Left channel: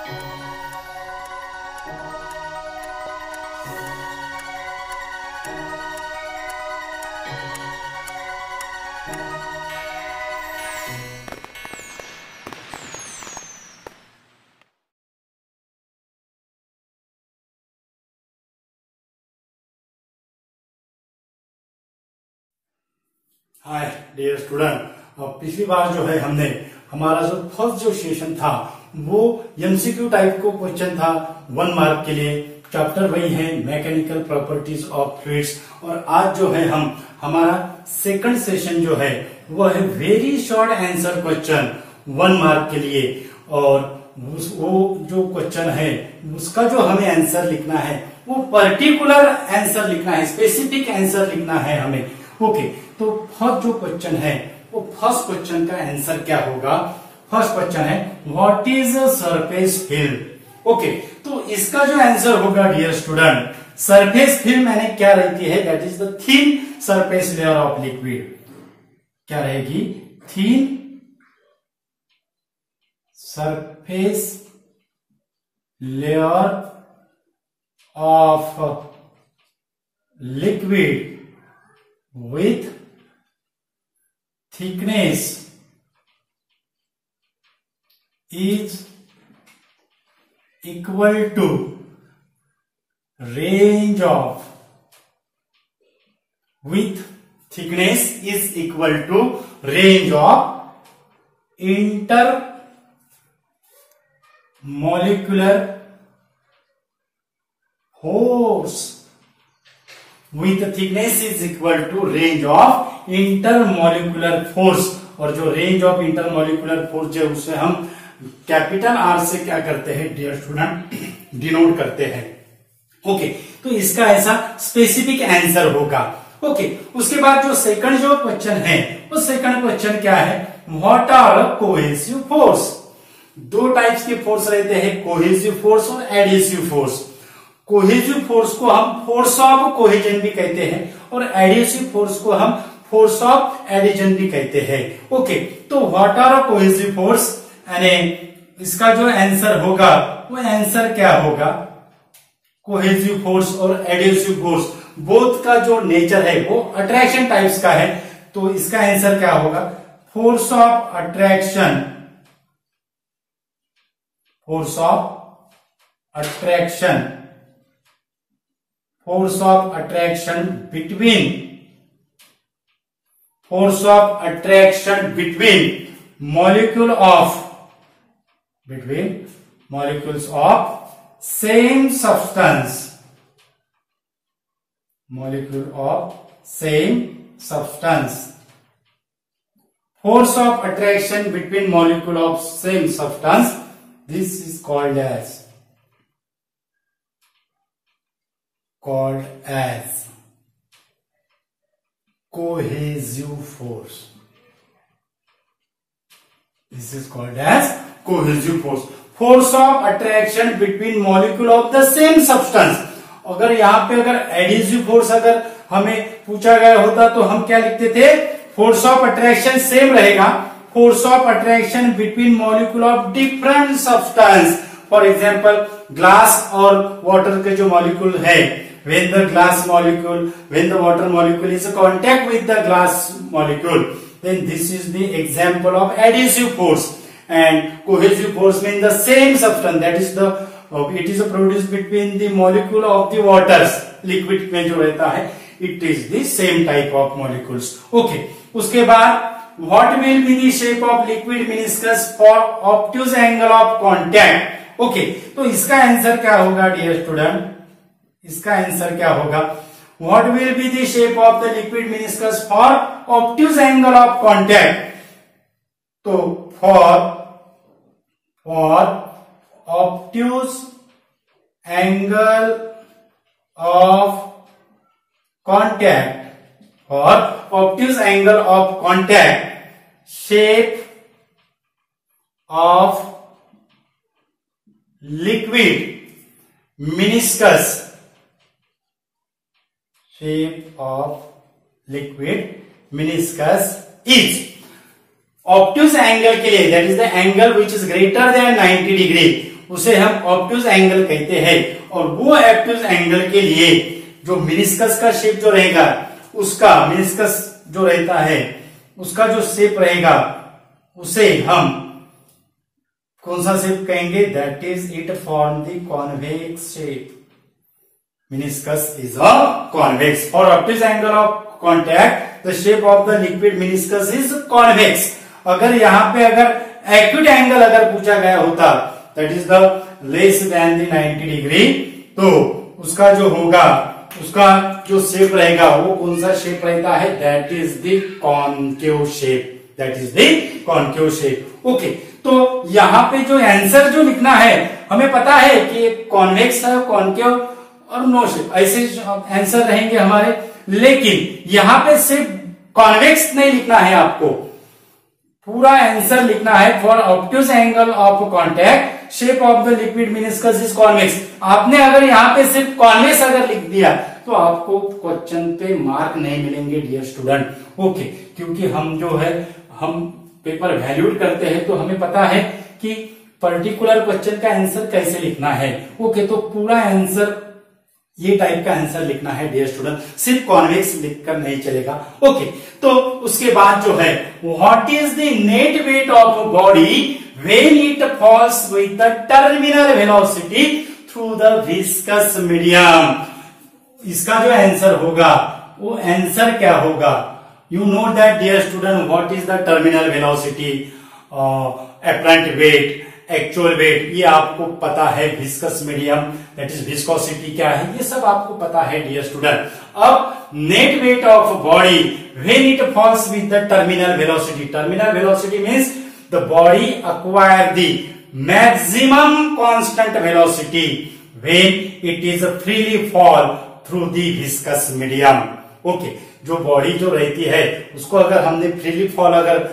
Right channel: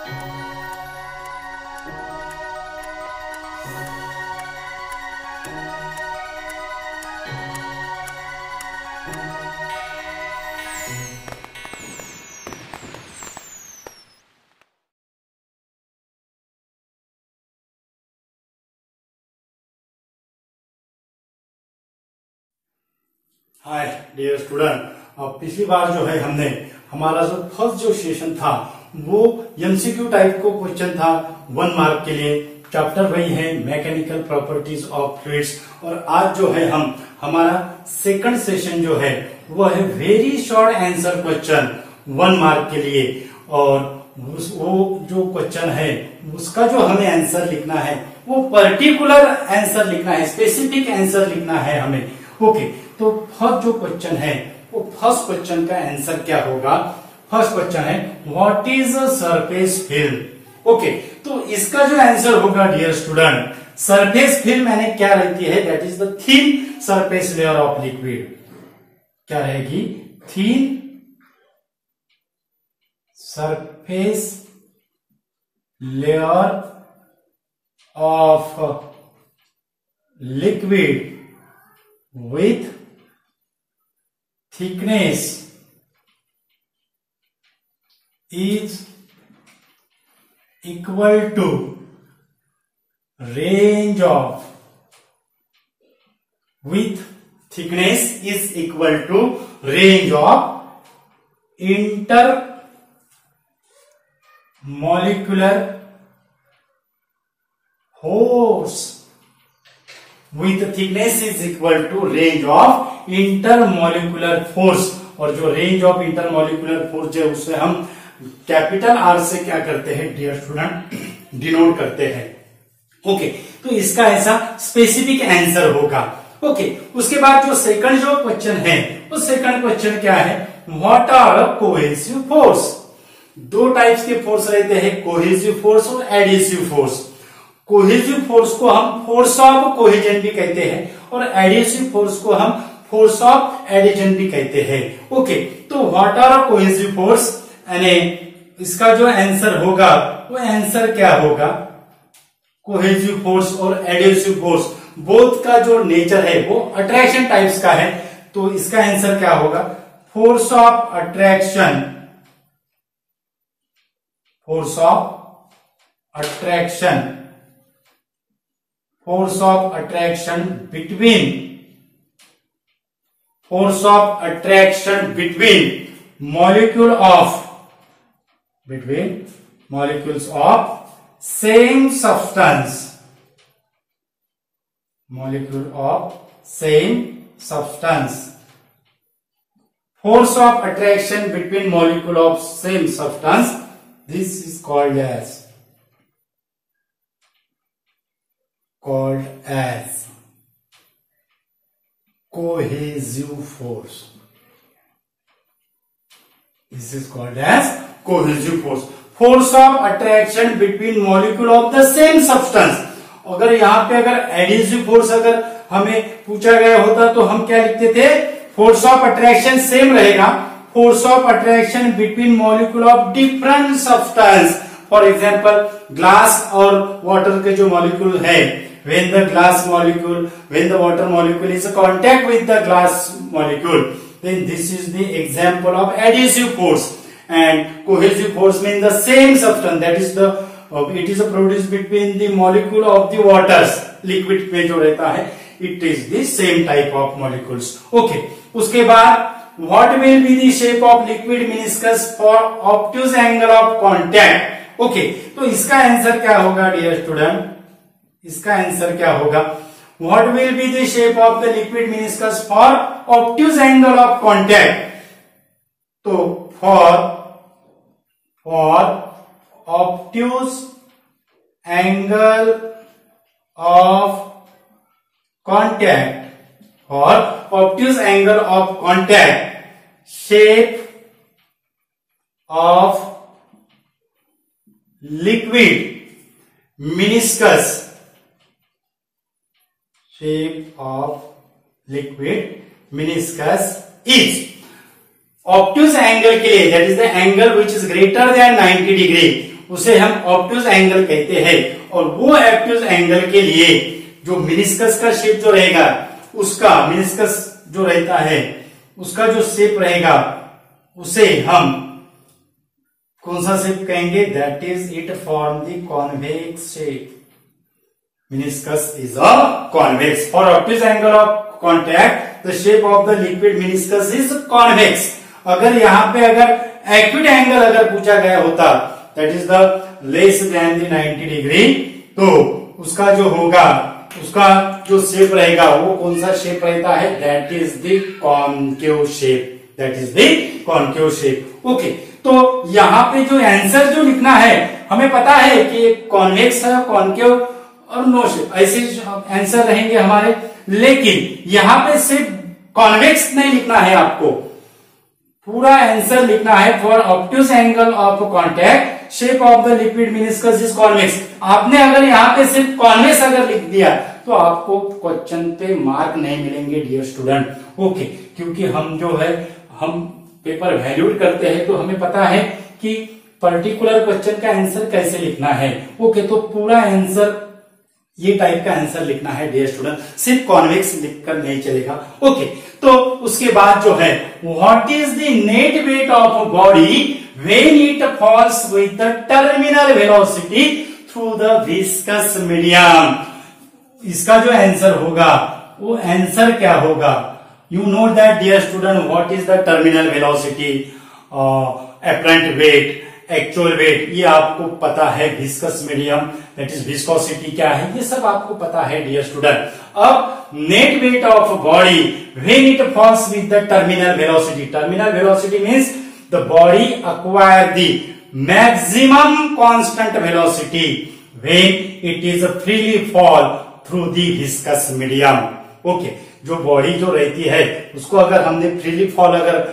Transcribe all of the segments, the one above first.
Hi dear student, पिछली बार जो है हमने हमारा जो फर्स्ट जो सेशन था वो एमसीक्यू टाइप को क्वेश्चन था 1 मार्क के लिए। चैप्टर वही है मैकेनिकल प्रॉपर्टीज ऑफ फ्लूइड्स। और आज जो है हम हमारा सेकंड सेशन जो है वो है very short answer question 1 mark के लिए। और वो जो क्वेश्चन है उसका जो हमें आंसर लिखना है वो पर्टिकुलर आंसर लिखना है, स्पेसिफिक आंसर लिखना है हमें। ओके, तो फर्स्ट जो क्वेश्चन है वो फर्स्ट क्वेश्चन का आंसर क्या होगा? फर्स्ट क्वेश्चन है what is surface film. Okay, तो इसका जो आंसर होगा डियर स्टूडेंट, सरफेस फिल्म मैंने क्या रहती है, that is the thin surface layer of liquid. क्या रहेगी? Thin surface layer of liquid with thickness is equal to range of, with thickness is equal to range of intermolecular force, with thickness is equal to range of intermolecular force। और जो range of intermolecular force है उसे हम capital R से क्या करते हैं dear student, denote करते हैं। ओके, तो इसका ऐसा स्पेसिफिक आंसर होगा। ओके, उसके बाद जो सेकंड जो क्वेश्चन है वो सेकंड क्वेश्चन क्या है, what are cohesive force. 2 types के फोर्स रहते हैं, कोहेसिव फोर्स और एडिसिव फोर्स। कोहेसिव फोर्स को हम फोर्स ऑफ कोहेजन भी कहते हैं और एडिसिव फोर्स को हम फोर्स ऑफ एडिशन भी कहते हैं। ओके, तो व्हाट आर कोहेसिव फोर्स, यानी इसका जो आंसर होगा वो आंसर क्या होगा, कोहेसिव फोर्स और एडिसिव फोर्स बोथ का जो नेचर है वो अट्रैक्शन टाइप्स का है। तो इसका आंसर क्या होगा, force of attraction, force of attraction, force of attraction between, force of attraction between molecule of, between molecules of same substance, molecule of same substance, force of attraction between molecule of same substance, this is called as cohesive force. This is called as cohesive force. Force of attraction between molecule of the same substance. अगर यहाँ पे अगर adhesive force अगर हमें पूछा गया होता तो हम क्या लिखते थे, फोर्स ऑफ अट्रैक्शन सेम रहेगा, force of attraction between molecule of different substance. For example glass और वाटर के जो मॉलिक्यूल है, when the glass molecule, when the water molecule is in contact with the glass molecule, then this is the example of adhesive force. And cohesive force means the same substance, that is the it is produced between the molecule of the waters, liquid में जो रहता है it is the same type of molecules. Okay, उसके बाद what will be the shape of liquid meniscus for obtuse angle of contact. Okay, तो इसका answer क्या होगा डियर स्टूडेंट, इसका आंसर क्या होगा, what will be the shape of the liquid meniscus for obtuse angle of contact. तो for obtuse angle of contact, for obtuse angle of contact shape of liquid meniscus, shape of liquid meniscus is obtuse angle के लिए, that is the angle which is greater than 90 degree, उसे हम obtuse angle कहते हैं। और वो obtuse angle के लिए जो मेनिस्कस का शेप जो रहेगा, उसका मेनिस्कस जो रहता है उसका जो शेप रहेगा उसे हम कौन सा शेप कहेंगे? That is it form the convex shape. Meniscus is a convex. For obtuse angle of contact the shape of the liquid meniscus is convex. अगर यहाँ पे अगर एक्यूट एंगल अगर पूछा गया होता that is the less than the 90 degree, तो उसका जो होगा, उसका जो शेप रहेगा वो कौन सा शेप रहता है? That is the concave shape. That is the concave shape. Okay, तो यहाँ पे जो आंसर जो लिखना है, हमें पता है कि कॉन्वेक्स है, कॉनकेव और नो शेप, ऐसे आंसर रहेंगे हमारे। लेकिन यहाँ पे सिर्फ कॉन्वेक्स नहीं लिखना है, आपको पूरा आंसर लिखना है। For obtuse angle of contact shape of the liquid meniscus is convex. आपने अगर यहाँ पे सिर्फ कॉन्वेक्स अगर लिख दिया तो आपको क्वेश्चन पे मार्क नहीं मिलेंगे डियर स्टूडेंट। ओके, क्योंकि हम जो है हम पेपर वैल्यूड करते हैं तो हमें पता है कि पर्टिकुलर क्वेश्चन का आंसर कैसे लिखना है। ओके, तो पूरा आंसर ये टाइप का आंसर लिखना है डियर स्टूडेंट, सिर्फ कॉन्वेक्स लिखकर नहीं चलेगा। ओके, तो उसके बाद जो है what is the net weight of body when it falls with the terminal velocity through the viscous medium. इसका जो आंसर होगा वो आंसर क्या होगा? You know that dear student what is the terminal velocity, apparent weight, actual weight, ये आपको पता है। Viscous medium that is viscosity क्या है, ये सब आपको पता है डियर स्टूडेंट। अब net weight of body when it falls with the terminal velocity. Terminal velocity means the body acquire the maximum constant velocity when it is freely fall through the viscous medium. Okay, जो body जो रहती है उसको अगर हमने freely fall अगर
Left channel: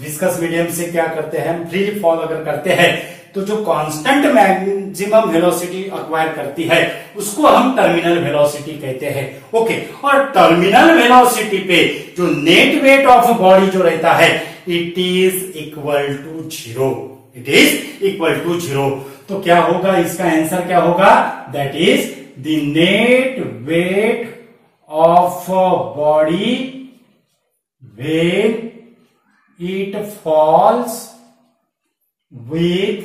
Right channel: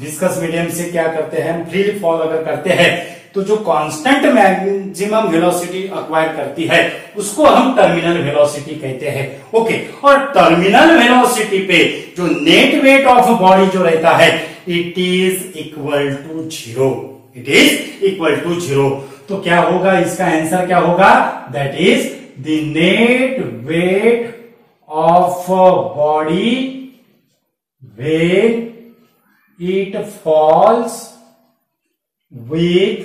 viscous medium से क्या करते हैं, फ्रीली फॉल अगर करते हैं तो जो कांस्टेंट मैक्सिमम वेलोसिटी एक्वायर करती है उसको हम टर्मिनल वेलोसिटी कहते हैं। ओके, और टर्मिनल वेलोसिटी पे जो नेट वेट ऑफ बॉडी जो रहता है it is equal to 0। It is equal to 0। तो क्या होगा, इसका आंसर क्या होगा? That is the net weight of body when it falls with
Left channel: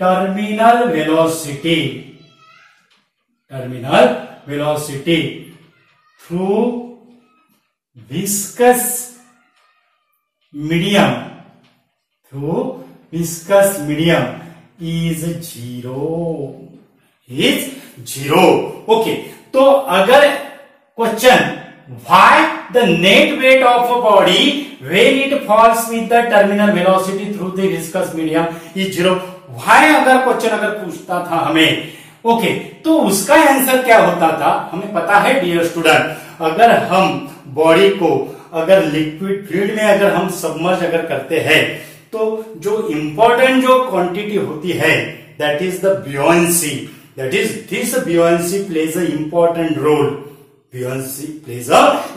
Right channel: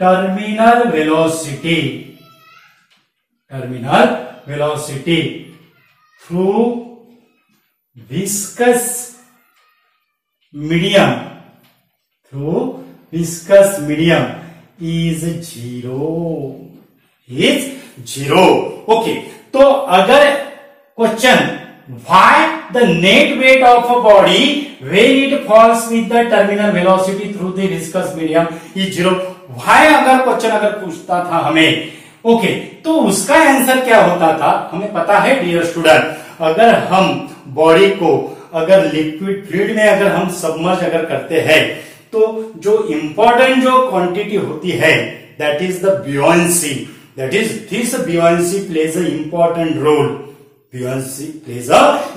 terminal velocity through viscous medium is 0। Okay, तो अगर question why the net weight of a body when it falls with the terminal velocity through the viscous medium is 0, why अगर question अगर पूछता था हमें, okay, तो उसका answer क्या होता था? हमें पता है डियर स्टूडेंट, अगर हम बॉडी को अगर लिक्विड फ्लूइड में अगर हम सबमर्ज अगर करते हैं तो जो इंपॉर्टेंट जो क्वांटिटी होती है that is the buoyancy, that is this buoyancy plays a important role। buoyancy plays a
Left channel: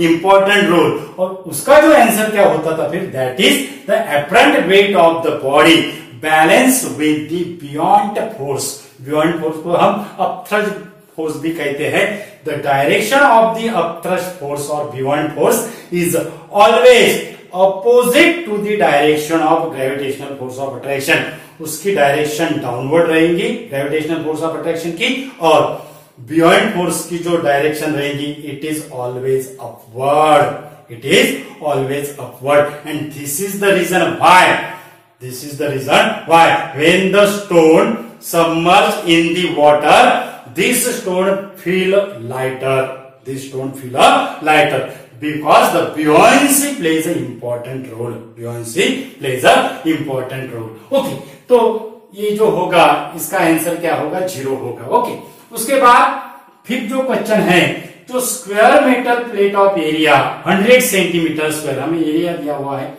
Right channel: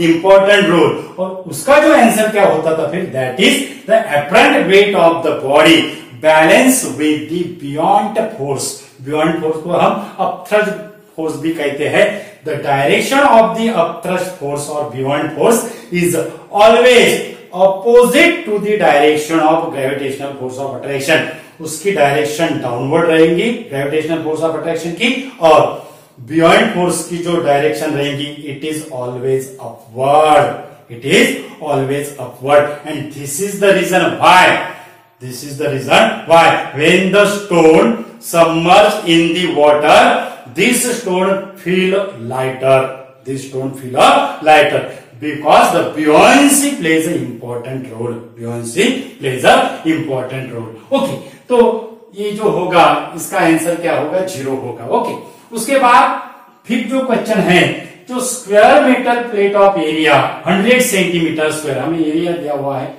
important role। और उसका जो आंसर क्या होता था फिर? That is the apparent weight of the body balance with the buoyant force। buoyant force को हम upthrust force भी कहते हैं। The direction of the upthrust force और buoyant force is always opposite to the direction of gravitational force of attraction। उसकी direction downward रहेगी gravitational force of attraction की, और buoyant फोर्स की जो डायरेक्शन रहेगी it is always upward. It is always upward and this is the reason why when the stone submerge in the water this stone feel lighter because the buoyancy plays an important role। Okay, तो ये जो होगा इसका answer क्या होगा? 0 होगा। Okay, उसके बाद फिर जो क्वेश्चन है, जो square metal plate of area 100 centimetre square, हमें एरिया दिया हुआ है,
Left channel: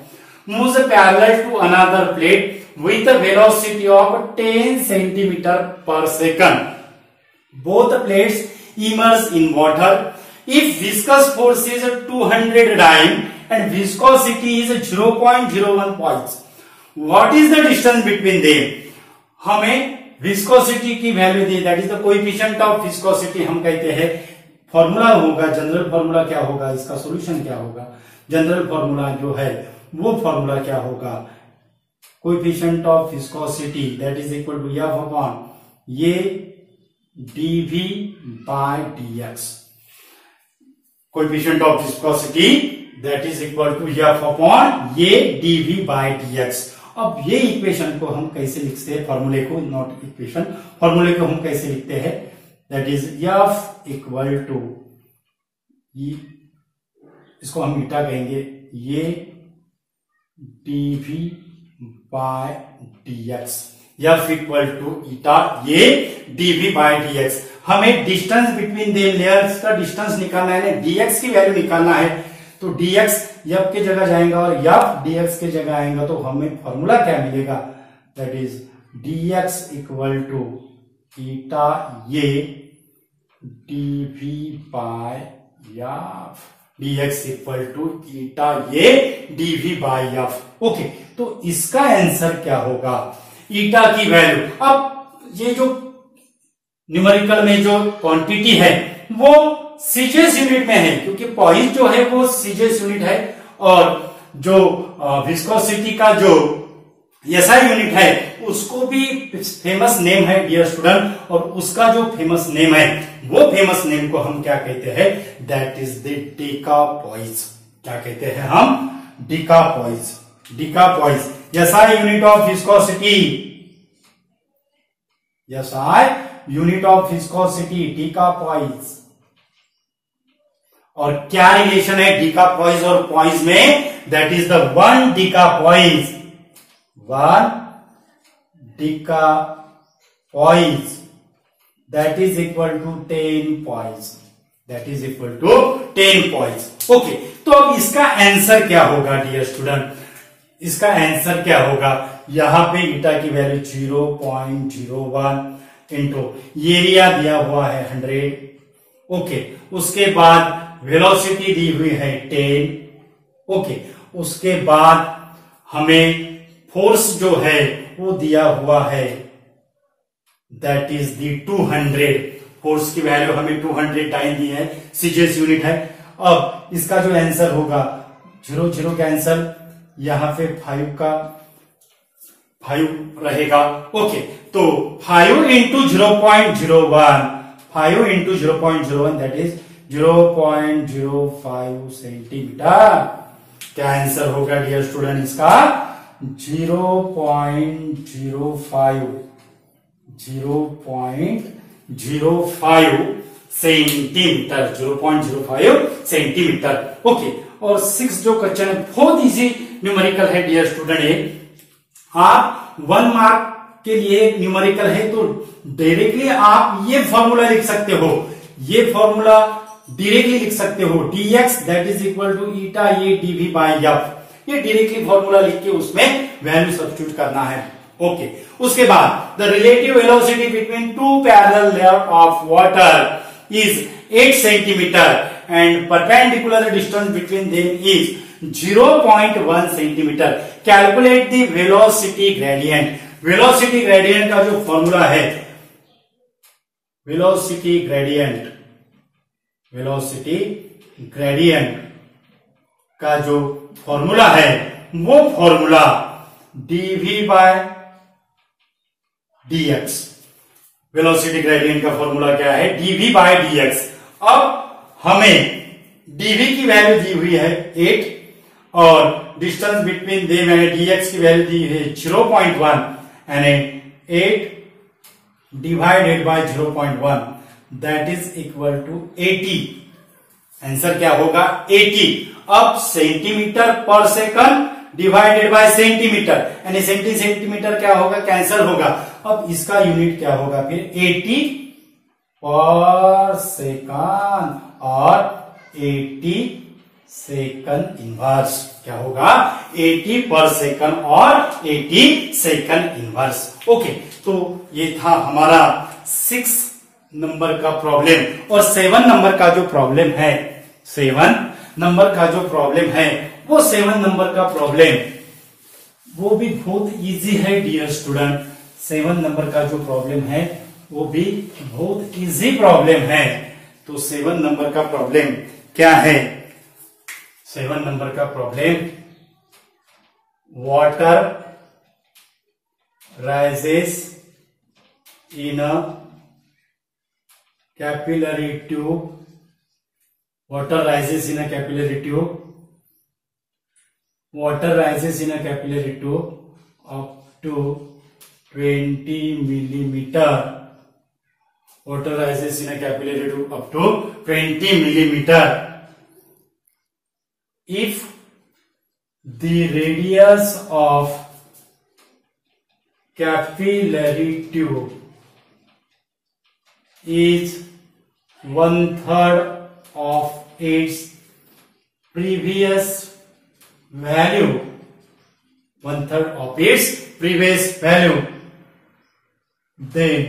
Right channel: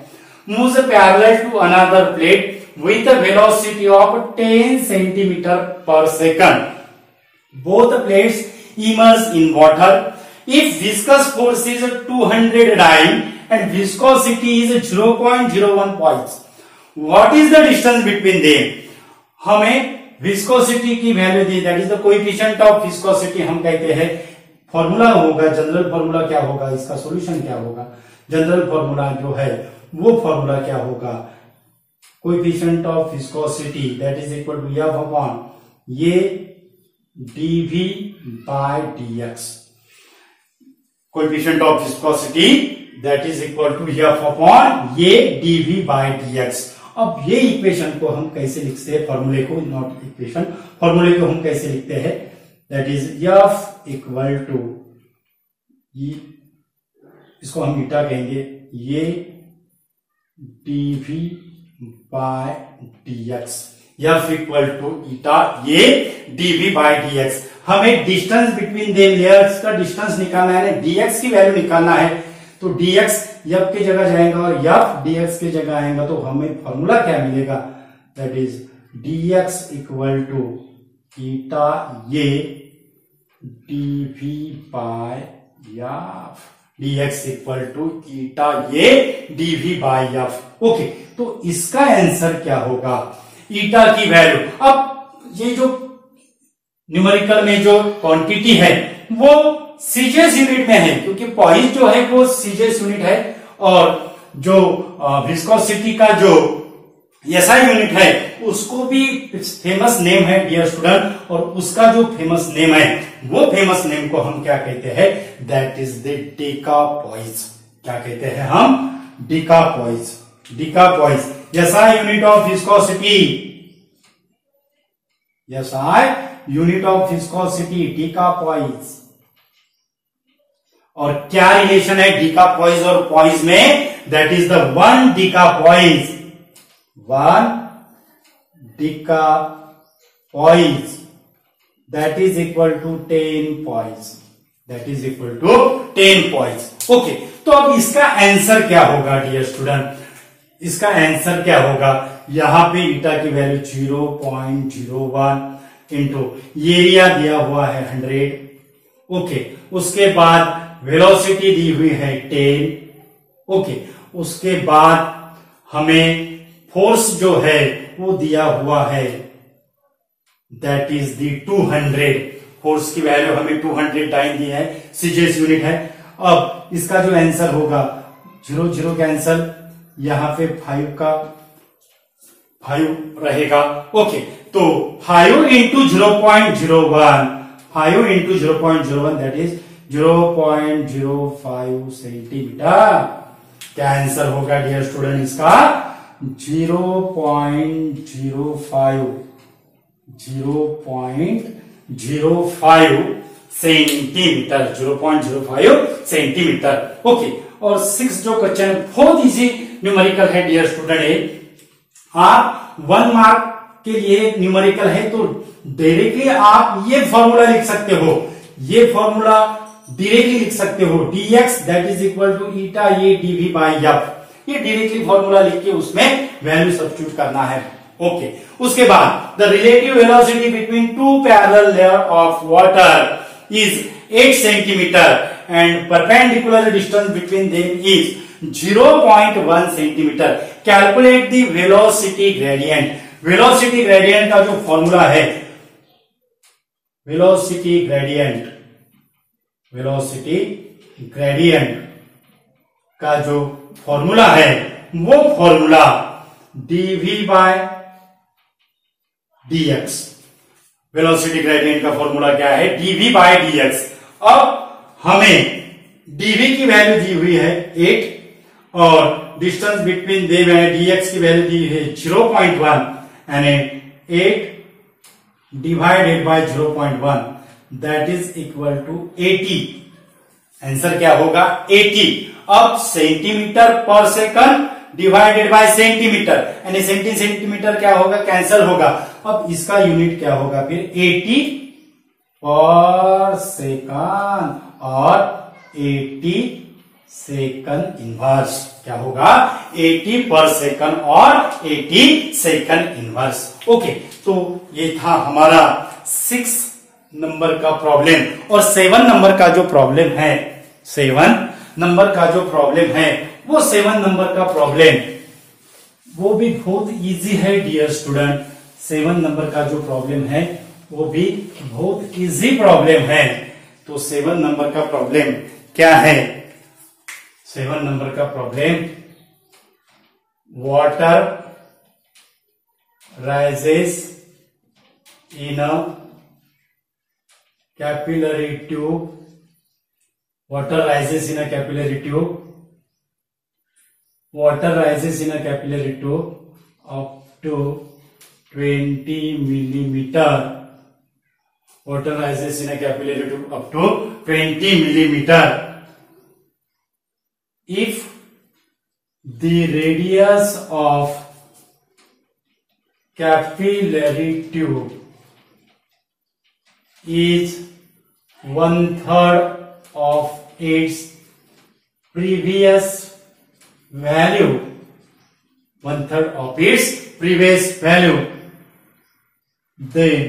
moves parallel to another plate with a velocity of 10 centimetre पर second. Both plates emerge in water if viscous force is 200 dyne and viscosity is 0.01 points। What is the distance between them, हमें viscosity की value the, that is the coefficient of viscosity हम कहते हैं। Formula होगा, general formula क्या होगा, इसका solution क्या होगा, जनरल फॉर्मूला जो है वो फॉर्मूला क्या होगा, coefficient of viscosity that is equal to F upon ये dv by dx, coefficient of viscosity that is equal to F upon ये dv बाय dx। अब ये इक्वेशन को हम कैसे लिखते हैं, फॉर्मूले को, नॉट इक्वेशन, फॉर्मूले को हम कैसे लिखते हैं, that is F equal to, इसको हम ईटा कहेंगे, ये dv by dx, F equal to eta ये dv बाय dx। हमें डिस्टेंस बिटवीन देम लेयर्स का डिस्टेंस निकालना है, dx की वैल्यू निकालना है, तो dx एफ की जगह जाएगा और एफ dx की जगह आएगा, तो हमें फॉर्मूला क्या मिलेगा, that is dx equal to eta ये dv by F, dx equal to eta ये dv बाय एफ। ओके, तो इसका आंसर क्या होगा, ईटा की वैल्यू। अब ये जो न्यूमेरिकल में जो क्वांटिटी है वो सीजेस यूनिट में है, क्योंकि पॉइज जो है वो सीजेस यूनिट है, और जो विस्कोसिटी का जो एसआई यूनिट है उसको भी फेमस नेम है डियर स्टूडेंट, और उसका जो फेमस नेम है वो फेमस नेम को हम क्या कहते हैं, दैट इज द डेकापॉइज। क्या कहते हैं हम, decapoise, decapoise. SI unit of viscosity, SI unit of viscosity decapoise. और क्या रिलेशन है डेकापॉइज और पॉइज में, that is the one decapoise, one decapoise that is equal to 10 poise, that is equal to 10 poise. Okay, तो अब इसका answer क्या होगा डियर स्टूडेंट, इसका आंसर क्या होगा, यहां पे ईटा की वैल्यू 0.01 इंटू एरिया दिया हुआ है 100। ओके, उसके बाद वेलोसिटी दी हुई है 10। ओके, उसके बाद हमें फोर्स जो है वो दिया हुआ है, दैट इज दी 200। फोर्स की वैल्यू हमें 200 टाइम दी है, सीजीएस यूनिट है। अब इसका जो आंसर होगा 0 कैंसल, यहां पे 5 रहेगा। ओके, तो 5 into 0.01, 5 into 0.01 that is 0.05 centimetre. क्या आंसर होगा डियर स्टूडेंट इसका, 0.05 सेंटीमीटर, 0.05 सेंटीमीटर। ओके, और 6 जो क्वेश्चन बहुत इजी न्यूमेरिकल है डियर स्टूडेंट है। आप 1 मार्क के लिए न्यूमेरिकल है तो डायरेक्टली आप ये फॉर्मूला लिख सकते हो, ये फॉर्मूला डायरेक्टली लिख सकते हो, dx that is equal to eta ये dv बाय एफ। ये डायरेक्टली फॉर्मूला लिख के उसमें वैल्यू सब्स्टिट्यूट करना है। ओके, उसके बाद the relative velocity between 2 parallel layer of water is 8 centimetre and perpendicular distance between them is 0.1 centimetre. Calculate the velocity gradient. Velocity gradient का जो फॉर्मूला है, वेलोसिटी ग्रेडियंट का जो फॉर्मूला है वो formula dv by dx। Velocity gradient का formula क्या है, dv बाय dx। अब हमें dv की वैल्यू दी हुई है 8 और डिस्टेंस बिटवीन देम dx की वैल्यू दी है 0.1 and 8 divided by 0.1 that is equal to 80। Answer क्या होगा, 80। अब सेंटीमीटर पर सेकंड डिवाइडेड बाय सेंटीमीटर, यानी सेंटीमीटर क्या होगा, कैंसल होगा। अब इसका यूनिट क्या होगा फिर, 80 पर सेकंड और 80 सेकंड इनवर्स। क्या होगा, 80 पर सेकंड और 80 सेकंड इनवर्स। ओके, तो ये था हमारा 6 नंबर का प्रॉब्लम। और 7 नंबर का जो प्रॉब्लम है, 7 नंबर का जो प्रॉब्लम है वो 7 नंबर का प्रॉब्लम वो भी बहुत इजी है डियर स्टूडेंट। 7 नंबर का जो प्रॉब्लम है वो भी बहुत इजी प्रॉब्लम है। तो 7 नंबर का प्रॉब्लम क्या है? 7 नंबर का problem, water rises in a capillary tube, water rises in a capillary tube, water rises in a capillary tube up to 20 millimeter, water rises in a capillary tube up to 20 millimeter. If the radius of capillary tube is 1/3 of its previous value, 1/3 of its previous value, then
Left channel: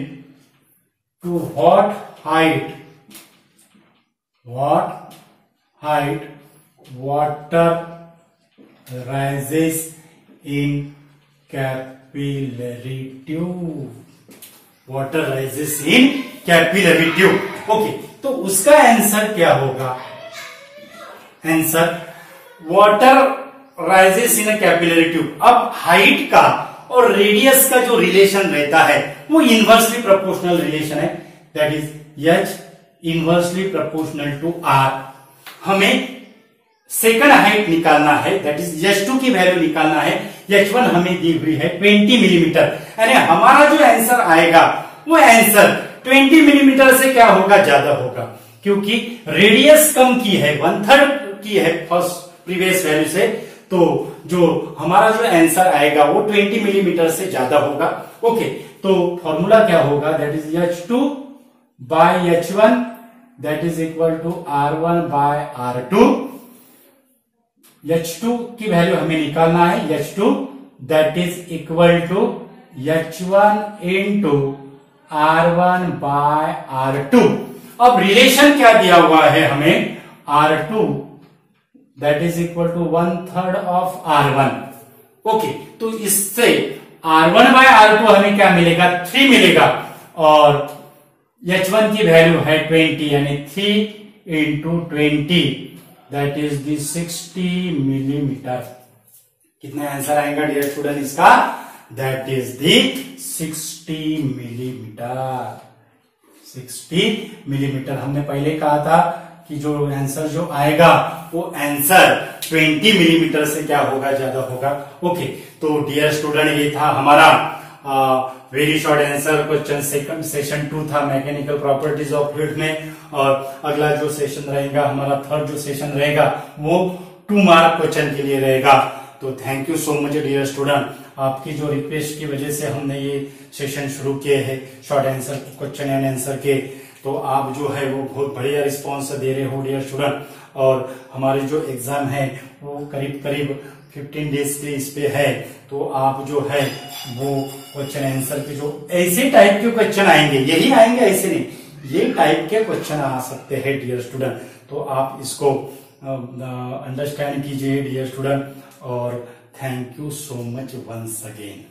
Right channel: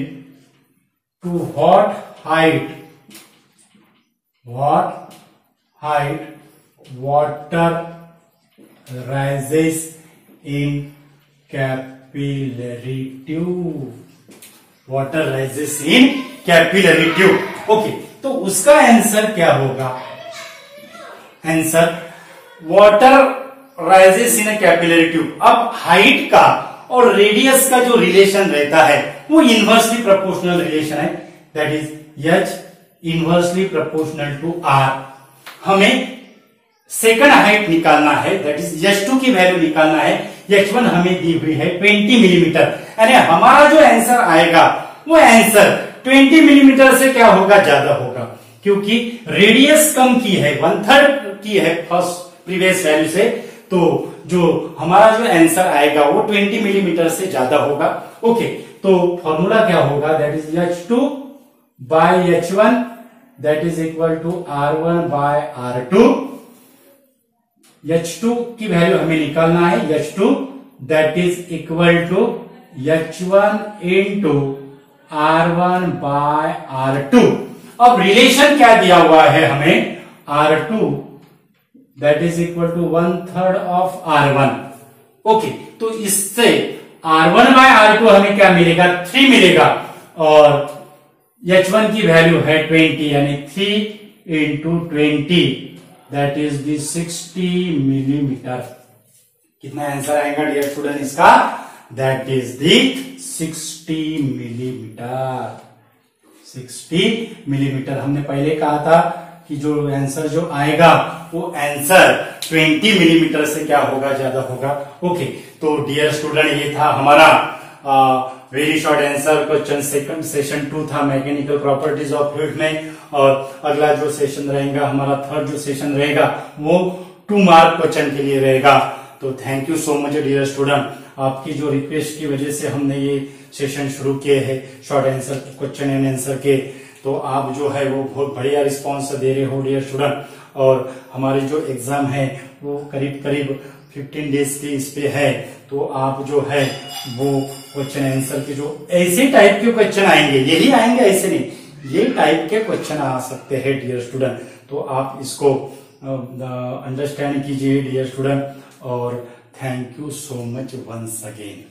to what height water rises in capillary tube, water rises in capillary tube. Okay, तो उसका answer क्या होगा? Answer, water rises in a capillary tube. अब height का और radius का जो relation रहता है वो इनवर्सली प्रोपोर्शनल रिलेशन है, that is H inversely proportional to R. हमें सेकंड हाइट निकालना है, दैट इज H2 की वैल्यू निकालना है। H1 हमें दी हुई है 20 मिलीमीटर, यानी हमारा जो आंसर आएगा वो आंसर 20 मिलीमीटर से क्या होगा? ज्यादा होगा, क्योंकि रेडियस कम की है, 1/3 की है फर्स्ट प्रीवियस वैल्यू से। तो जो हमारा जो आंसर आएगा वो 20 मिलीमीटर से ज्यादा होगा। ओके, तो फॉर्मूला क्या होगा? That is H2 by H1 that is equal to R1 by R2। H2 की वैल्यू हमें निकालना है, H2 that is equal to H1 into R1 by R2। अब रिलेशन क्या दिया हुआ है हमें? R2 that is equal to 1/3 of R1। Okay, तो इससे R1 बाय R2 हमें क्या मिलेगा? 3 मिलेगा, और H1 की वैल्यू है 20, यानी 3 into 20 that is the 60 millimetre. कितना आंसर आएगा डियर स्टूडेंट इसका? That is the 60 millimetre. 60 millimetre. हमने पहले कहा था कि जो आंसर जो आएगा वो आंसर 20 मिलीमीटर से क्या होगा? ज्यादा होगा। ओके, तो डियर स्टूडेंट ये था हमारा very short answer question session 2 था मैकेनिकल प्रॉपर्टीज ऑफ फ्लूइड में। और अगला जो सेशन रहेगा हमारा थर्ड जो सेशन रहेगा वो 2 मार्क क्वेश्चन के लिए रहेगा। तो thank you so much dear student, आपकी जो रिक्वेस्ट की वजह से हमने ये सेशन शुरू किए हैं short answer question and answer के। तो आप जो है वो बहुत बढ़िया रिस्पॉन्स दे रहे हो डियर स्टूडेंट। और हमारे जो एग्जाम है वो करीब 15 डेज के इस पे है। तो आप जो है वो क्वेश्चन आंसर के जो ऐसे टाइप के क्वेश्चन आएंगे, यही आएंगे ऐसे नहीं, ये टाइप के क्वेश्चन आ सकते हैं डियर स्टूडेंट। तो आप इसको अंडरस्टैंड कीजिए डियर स्टूडेंट। और thank you so much once again.